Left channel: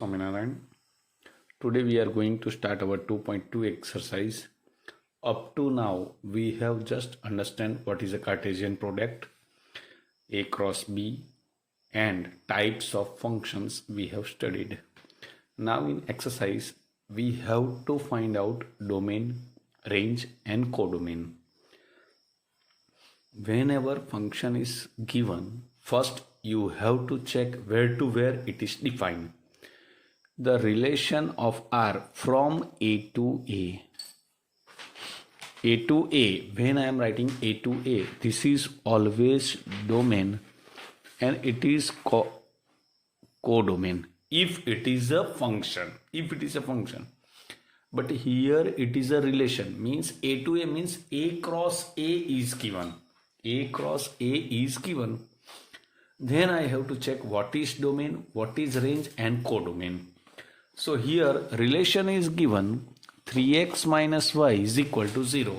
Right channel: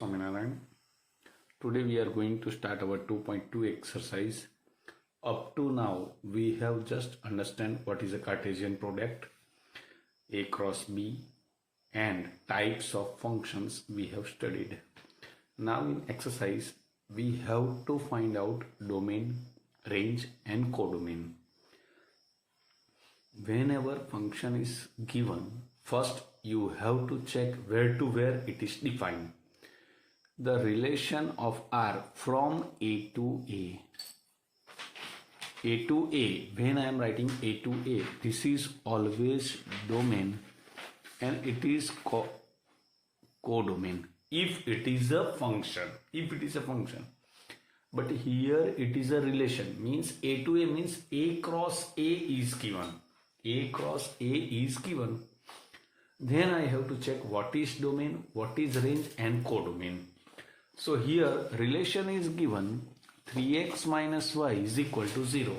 Swaminarayan. Today we are going to start our 2.2 exercise. Up to now, we have just understand what is a Cartesian product, A cross B, and types of functions we have studied. Now in exercise, we have to find out domain, range, and codomain. Whenever function is given, first you have to check where to where it is defined. The relation of R from A to A. A to A, when I am writing A to A, this is always domain and it is codomain if it is a function. But here it is a relation, means A to A means A cross A is given. A cross A is given. Then I have to check what is domain, what is range, and codomain. So here relation is given 3x minus y is equal to 0.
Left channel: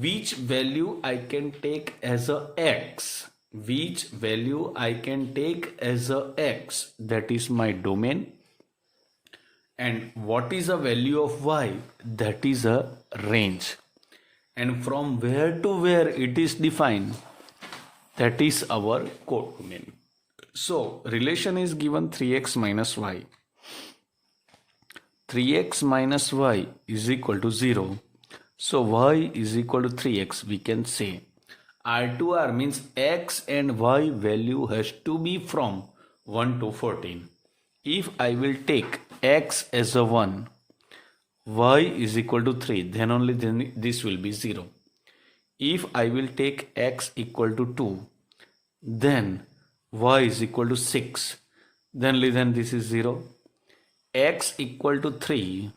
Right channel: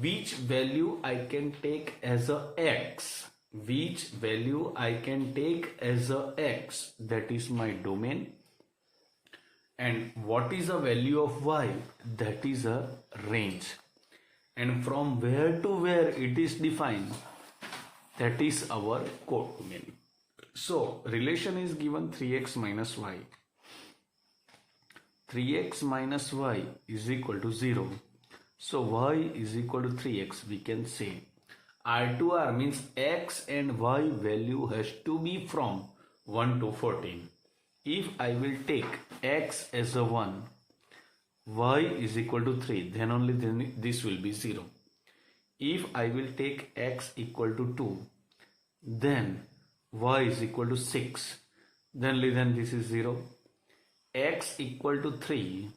Which value I can take as a x? Which value I can take as a x? That is my domain. And what is the value of y? That is a range. And from where to where it is defined, that is our codomain. So relation is given 3x minus y. 3x minus y is equal to 0. So y is equal to 3x. We can say R to R means x and y value has to be from 1 to 14. If I will take x as a 1, y is equal to 3, then this will be 0. If I will take x equal to 2, then y is equal to 6, then this is 0. X equal to 3,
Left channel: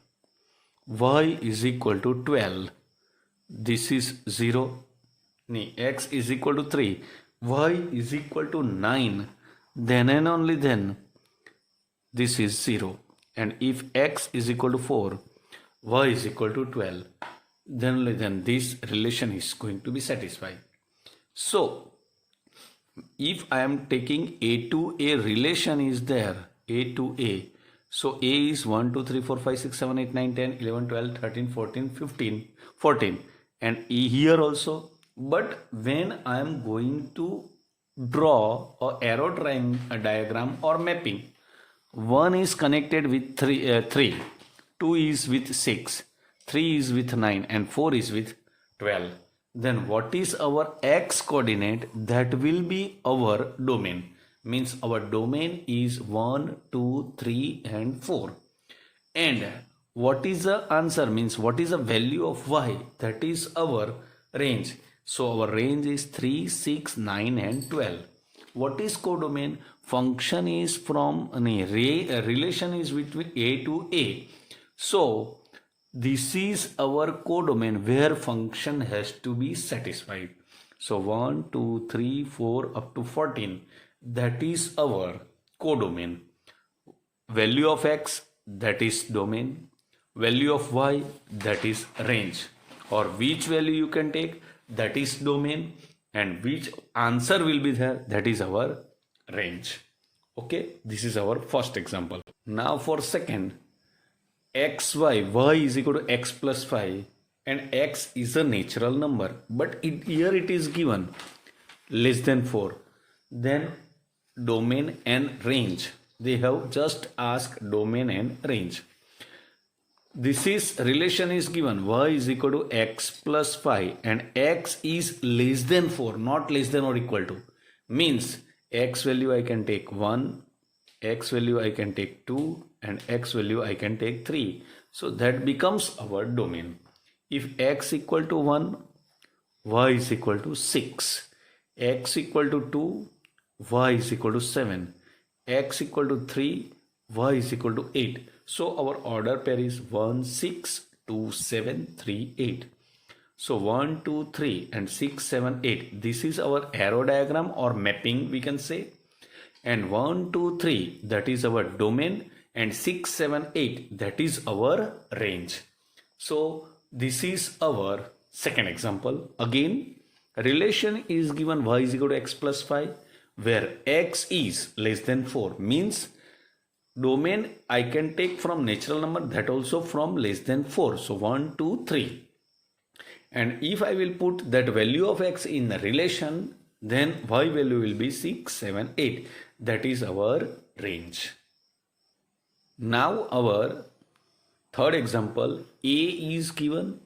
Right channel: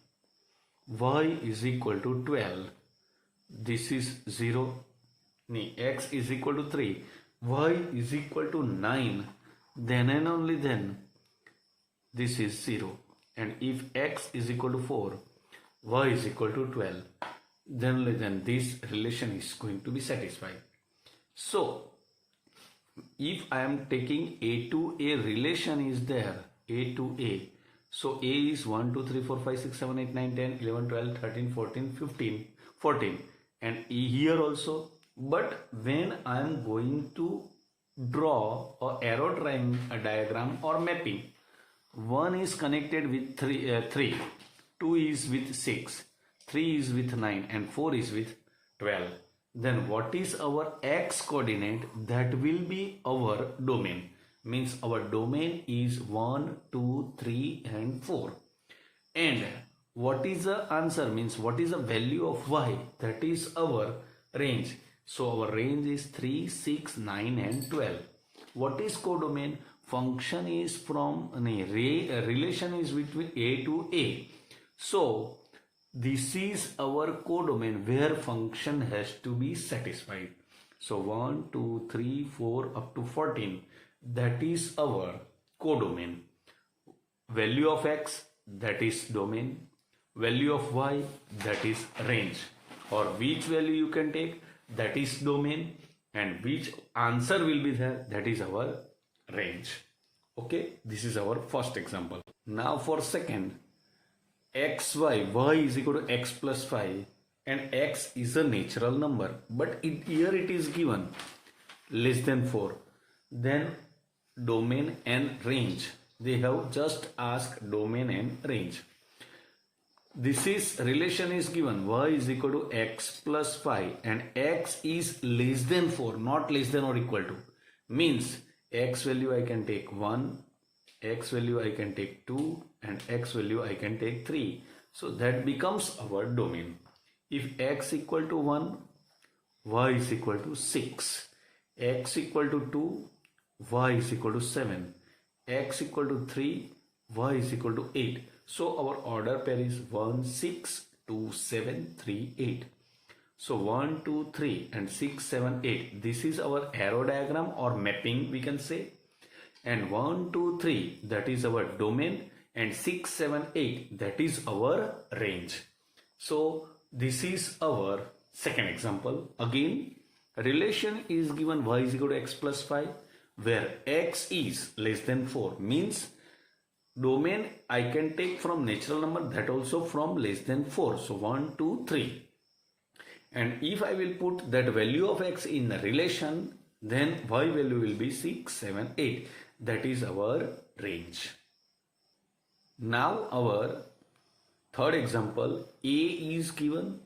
y is equal to 12, this is 0. X is equal to 3, y is equal to 9, then and only then this is 0. And if x is equal to 4, y is equal to 12, then this relation is going to be satisfied. So if I am taking A to A relation is there, A to A, so A is 1, 2, 3, 4, 5, 6, 7, 8, 9, 10, 11, 12, 13, 14, 15, 14 and E here also. But when I am going to draw a arrow drawing a diagram or mapping, 1 is connected with 3, 2 is with 6, 3 is with 9 and 4 is with 12. Then what is our x coordinate? That will be our domain. Means our domain is 1, 2, 3 and 4. And what is the answer? Means what is the value of y? That is our range. So our range is 3, 6, 9 and 12. What is codomain? Function is from relation is between A to A. So this is our codomain where function has to be satisfied. So 1, 2, 3, 4 up to 14. That is our codomain. Value of x, that is domain. Value of y, that is range. Or which value you can take, that is domain. And which answer will be there, that is our range. Okay, this is our first example. Now for second, xy, y is equal to x plus 5 and x is a natural number. But here it is given less than 4. Then domain and range. They have just asked domain and range. This is relation is given y is equal to x plus 5 and x is less than 4, not less than or equal to. Means x value I can take 1, x value I can take 2 and x value I can take 3. So that becomes our domain. If x equal to 1, y is equal to 6, x equal to 2, y is equal to 7, x equal to 3, y is equal to 8. So our order pair is 1, 6, 2, 7, 3, 8. So 1, 2, 3 and 6, 7, 8. This is our arrow diagram or mapping we can say. And 1, 2, 3 that is our domain and 6, 7, 8 that is our range. So this is our second example. Again relation is given y is equal to x plus 5 where x is less than 4 means domain I can take from natural number, that also from less than 4. So 1, 2, 3. And if I will put that value of x in a relation, then y value will be 6, 7, 8. That is our range. Now our third example, A is given,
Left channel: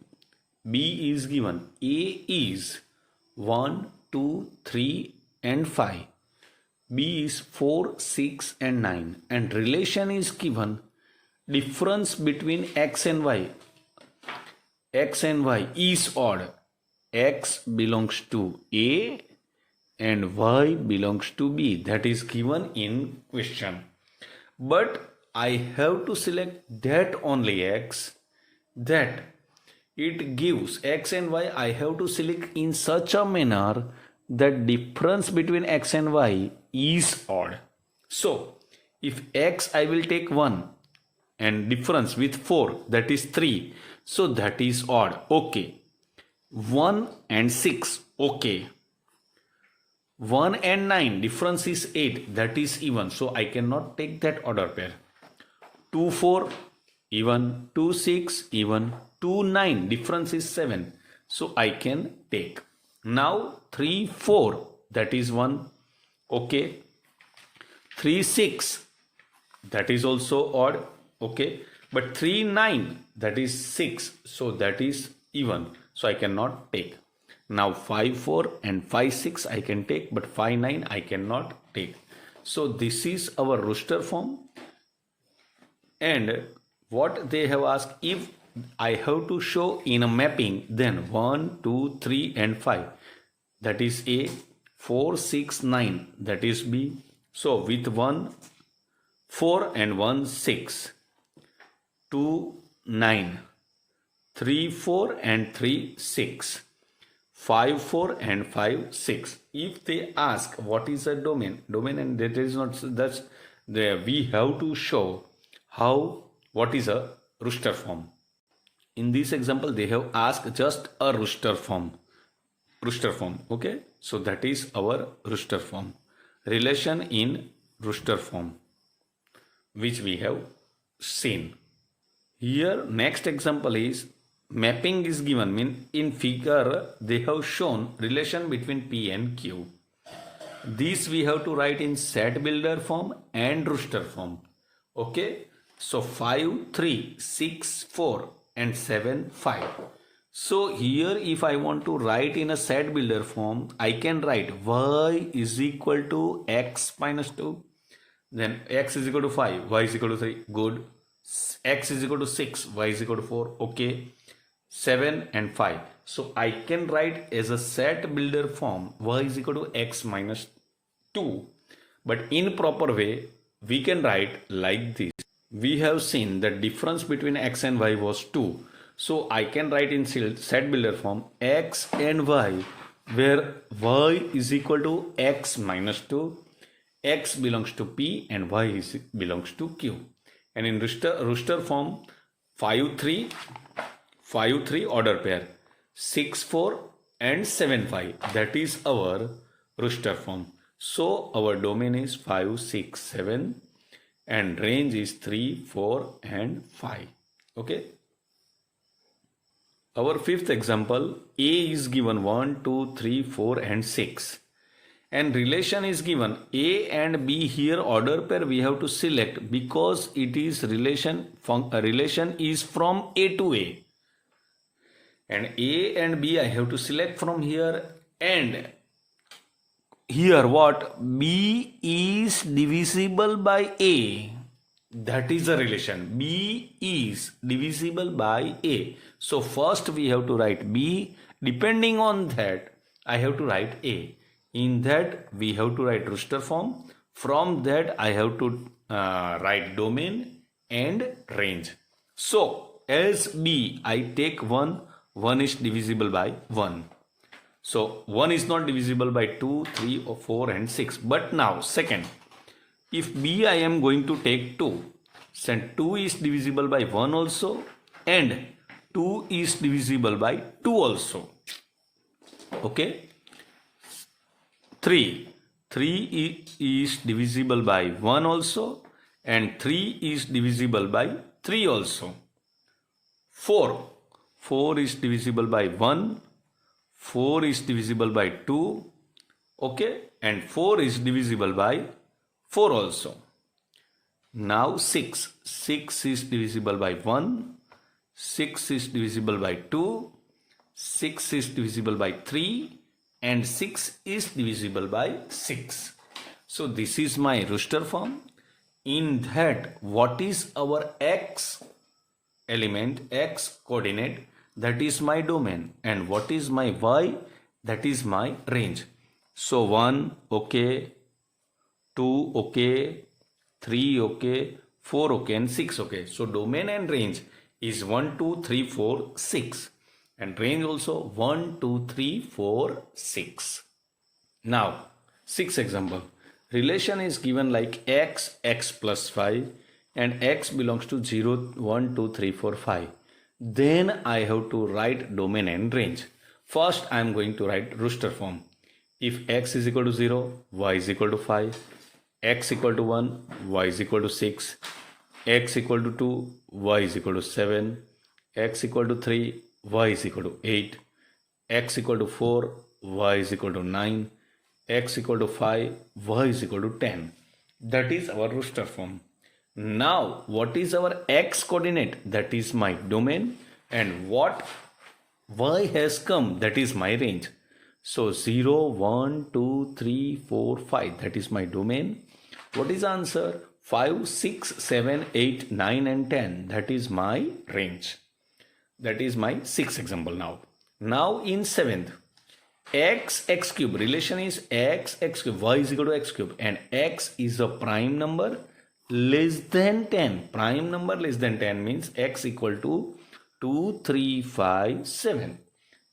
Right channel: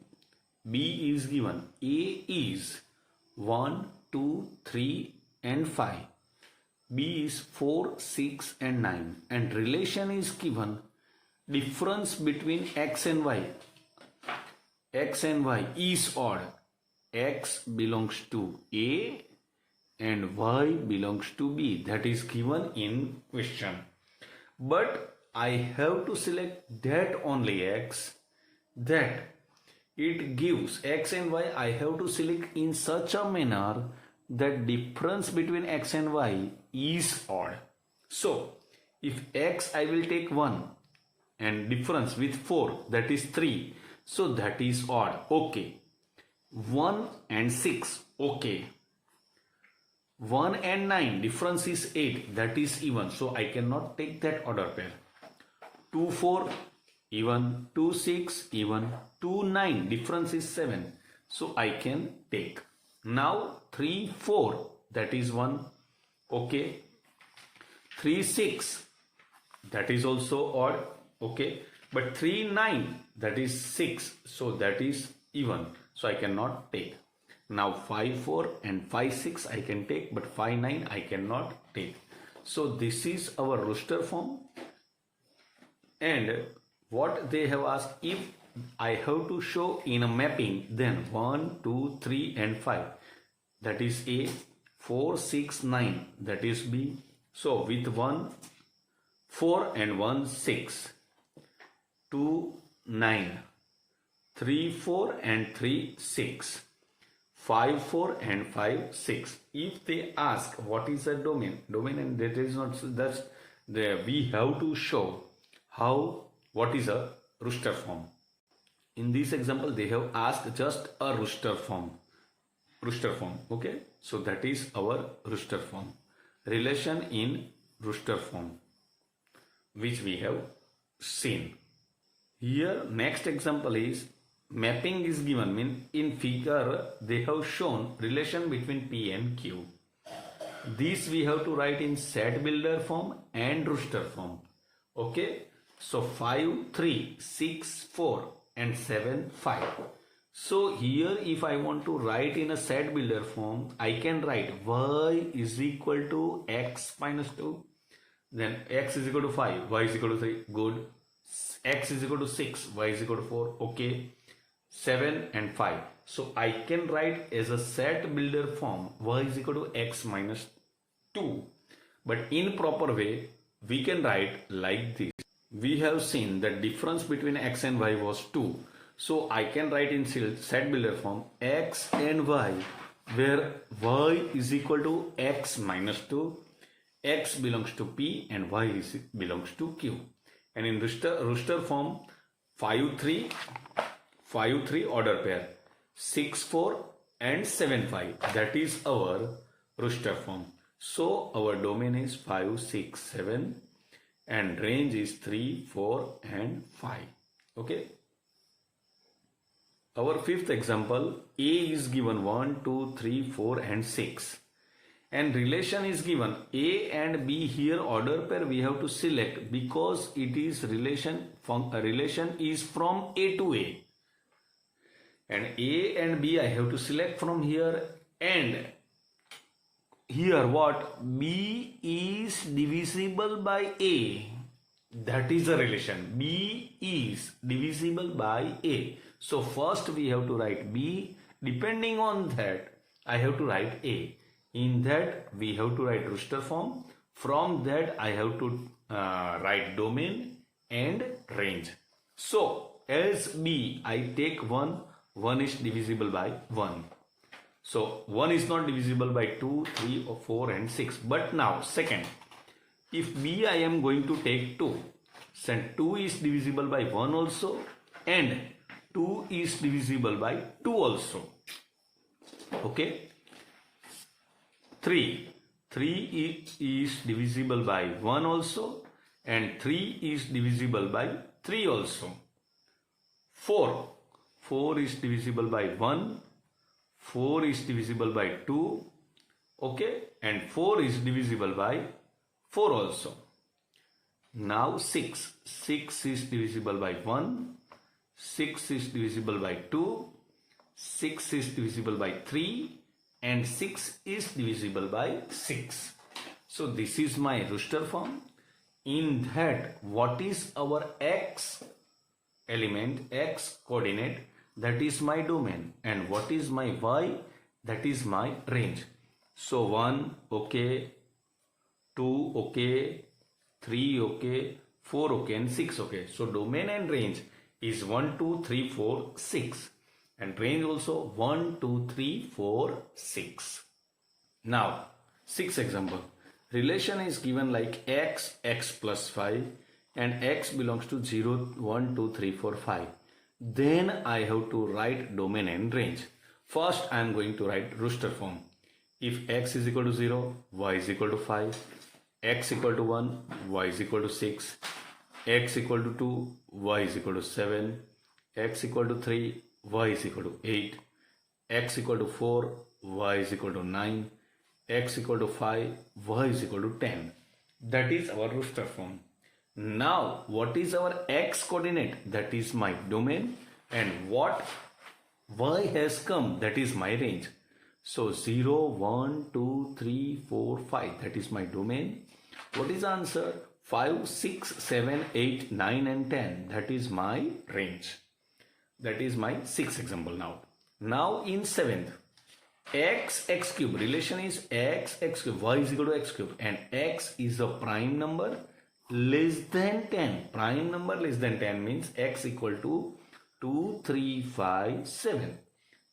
B is given. A is 1, 2, 3 and 5. B is 4, 6 and 9. And relation is given, difference between x and y. X and y is odd. X belongs to A and y belongs to B. That is given in question. But I have to select that only x, that it gives x and y. I have to select in such a manner that difference between x and y is odd. So if x I will take 1 and difference with 4, that is 3. So that is odd. Okay. 1 and 6. Okay. 1 and 9. Difference is 8. That is even. So I cannot take that order pair. 2, 4. Even. 2, 6. Even. 2, 9. Difference is 7. So I can take. Now 3, 4. That is 1. Okay. 3, 6. That is also odd. Okay. But 3, 9, that is 6. So that is even. So I cannot take. Now 5, 4 and 5, 6 I can take. But 5, 9 I cannot take. So this is our Rooster form. And what they have asked, if I have to show in a mapping, then 1, 2, 3 and 5. That is A. 4, 6, 9. That is B. So with 1, 4 and 1, 6. 2, 9, 3, 4 and 3, 6, 5, 4 and 5, 6. If they ask what is a domain, and that is not, that's there, we have to show what is a Rooster form. In this example, they have asked just a Rooster form. Okay, so that is our Rooster form. Relation in Rooster form, which we have seen. Here next example is mapping is given, mean in figure they have shown relation between P and Q. This we have to write in set builder form and Rooster form. Okay, so 5, 3, 6, 4 and 7, 5. So here if I want to write in a set builder form, I can write y is equal to x minus 2. Then x is equal to 5, y is equal to 3. Good. X is equal to 6, y is equal to 4. Okay. 7 and 5. So I can write as a set builder form y is equal to x minus 2. But in proper way, we can write like this. We have seen the difference between x and y was 2. So I can write in set builder form x and y, where y is equal to x minus 2. X belongs to P and y belongs to Q. And in Rooster form, 5, 3 order pair, 6, 4 and 7, 5. That is our Rooster form. So our domain is 5, 6, 7 and range is 3, 4 and 5. Okay. Our fifth example, A is given 1, 2, 3, 4 and 6. And relation is given A and B. Here order pair we have to select because it is relation is from A to A. And A and B I have to select from here, and here what? B is divisible by A. That is a relation. B is divisible by A. So first we have to write B. Depending on that, I have to write A. In that we have to write Rooster form. From that I have to write domain and range. So as B I take 1. 1 is divisible by 1. So 1 is not divisible by 2, 3 or 4 and 6. But now second, if B I am going to take 2, then 2 is divisible by 1 also and 2 is divisible by 2 also. Okay. 3 is divisible by 1 also and 3 is divisible by 3 also. 4 is divisible by 1, 4 is divisible by 2, okay, and 4 is divisible by 4 also. Now 6 is divisible by 1, 6 is divisible by 2, 6 is divisible by 3, and 6 is divisible by 6. So this is my Rooster form. In that, what is our x element, x coordinate? That is my domain. And what is my y? That is my range. So 1, okay, 2, okay, 3, okay, 4, okay, and 6, okay. So domain and range is 1, 2, 3, 4, 6. And range also 1, 2, 3, 4, 6. Now, 6th example. Relation is given like x plus 5 and x belongs to 0, 1, 2, 3, 4, 5. Then I have to write domain and range. First, I am going to write Rooster form. If x is equal to 0, y is equal to 5, x equal to 1, y is equal to 6, x equal to 2, y is equal to 7, x equal to 3, y is equal to 8, x equal to 4, y is equal to 9, x equal to 5, y is equal to 10. That is our Rooster form. Now, what is our x coordinate? That is my domain. And what y has come? That is my range. So 0, 1, 2, 3, 4, 5. That is my domain. What is the answer? 5, 6, 7, 8, 9 and 10. That is my range. That is my 6th example now. Now in 7th, x cube. Relation is x cube. Y is equal to x cube. And x is a prime number less than 10. Prime number less than 10 means x equal to 2, 3, 5, 7.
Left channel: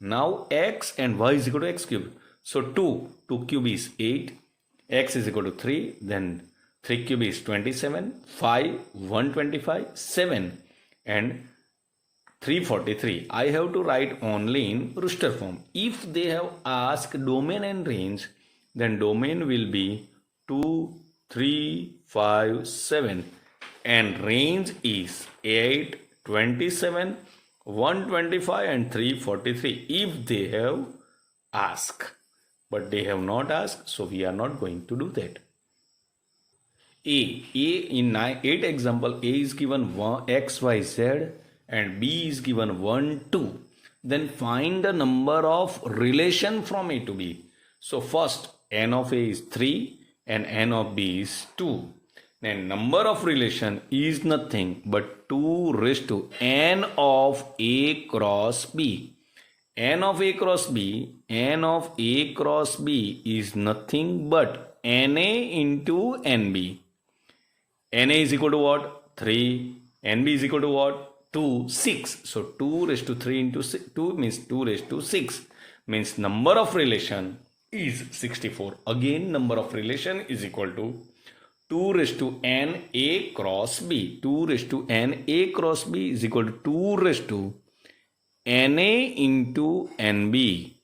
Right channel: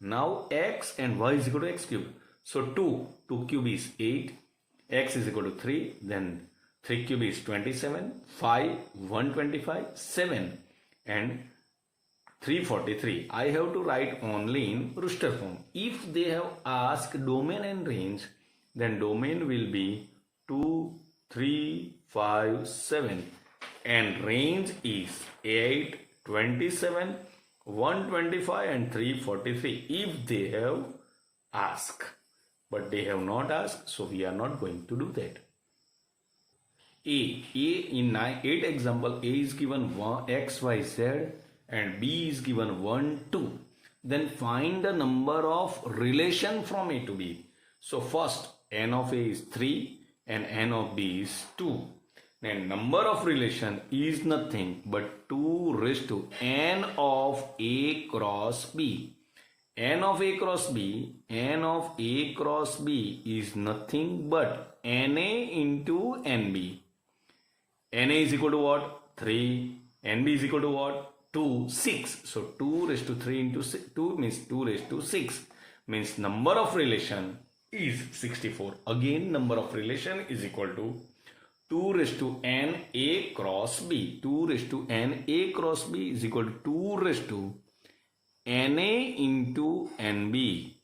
Now x and y is equal to x cube. So 2 cube is 8. X is equal to 3. Then 3 cube is 27. 5, 125, 7. And 343. I have to write only in Rooster form. If they have asked domain and range, then domain will be 2, 3, 5, 7. And range is 8, 27, 125 and 343 if they have asked. But they have not asked, so we are not going to do that. In 8 example, A is given x, y, z and B is given 1, 2. Then find the number of relation from A to B. So first, n of A is 3 and n of B is 2. Then number of relation is nothing but 2 raised to n of A cross B. N of A cross B is nothing but NA into NB. NA is equal to what? 3. NB is equal to what? 2, 6. So 2 raised to 3 into 2 means 2 raised to 6. Means number of relation is 64. Again, number of relation is equal to 2 raised to n A cross B. 2 raised to n A cross B is equal to 2 raised to NA into NB.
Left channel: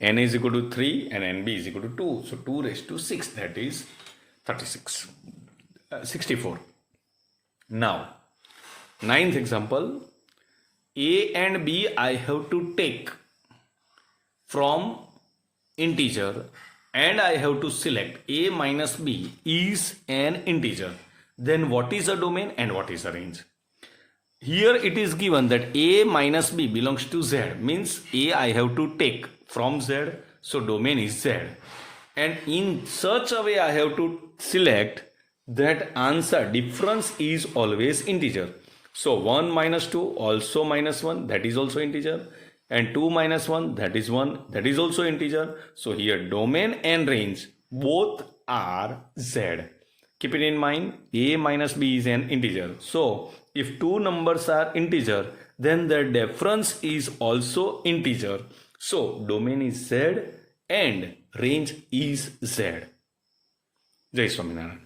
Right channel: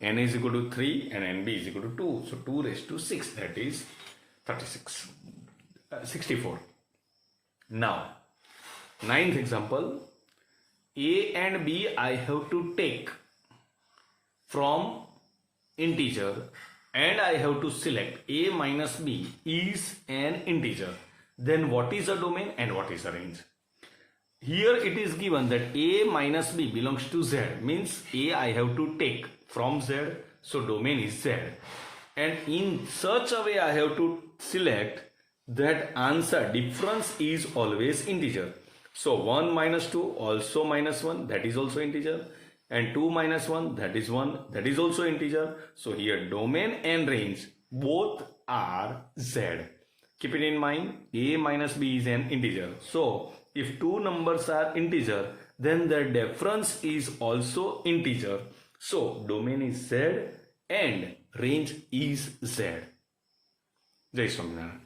NA is equal to 3 and NB is equal to 2. So 2 raised to 6, that is 64. Now, 9th example, A and B I have to take from integer and I have to select A minus B is an integer. Then what is the domain and what is the range? Here it is given that A minus B belongs to Z, means A I have to take from Z, so domain is Z. And in such a way I have to select that answer difference is always integer. So 1 minus 2 also minus 1, that is also integer. And 2 minus 1, that is 1, that is also integer. So here domain and range both are Z. Keep it in mind, A minus B is an integer. So if two numbers are integer, then the difference is also integer. So domain is Z and range is Z. Jai Swaminarayan.